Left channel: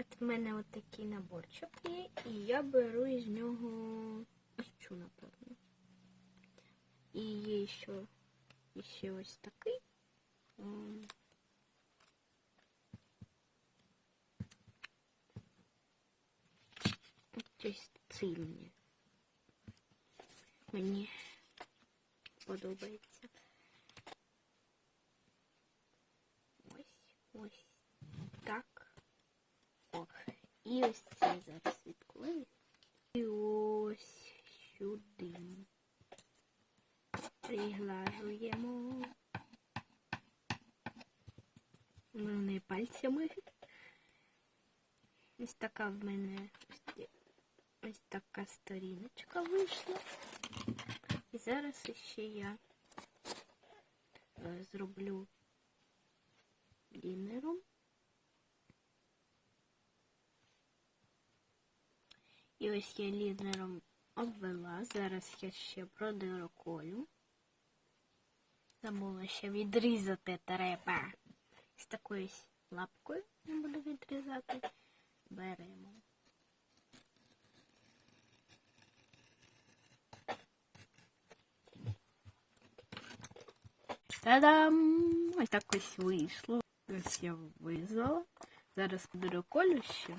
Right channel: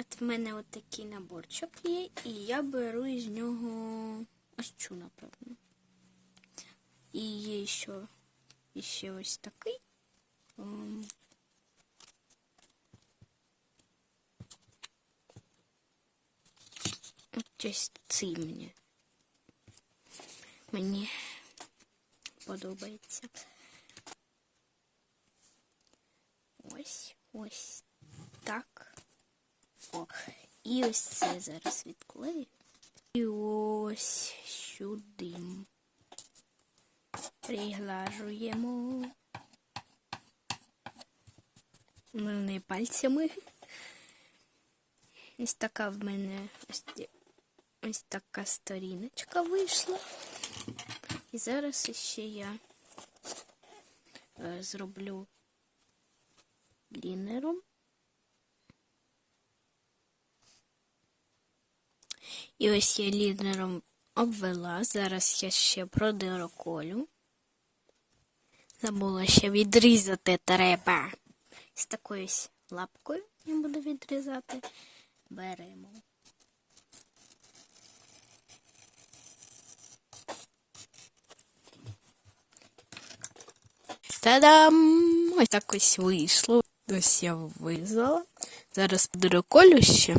От в мене от такий наборчик є, і я беру із нього ось цю, напевно. І є ще, ще ось такий. Ось цей мені. Мені подобається. Ось, ось. О, і ось це зараз відклею. І ось сюди. Приглажуємо. Не пальцями. Ось така в мене ось, ось така сторіночка вийшла. І зараз ще я е, зроблю лінером. І ось я лінером обвела. Зараз я ще продироколю. Забула ще відрізати треба. З такою лапкою я буду відрізати. Беремо. Та-дам! Ось так ось вийшло. Ось я вирізала. Зараз подироколю ще.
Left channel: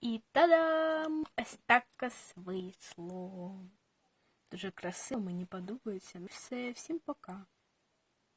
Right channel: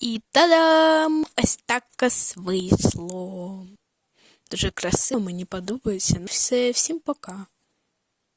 І та-дам! Ось так ось вийшло. Дуже красиво, мені подобається. Ну, Все, всім пока.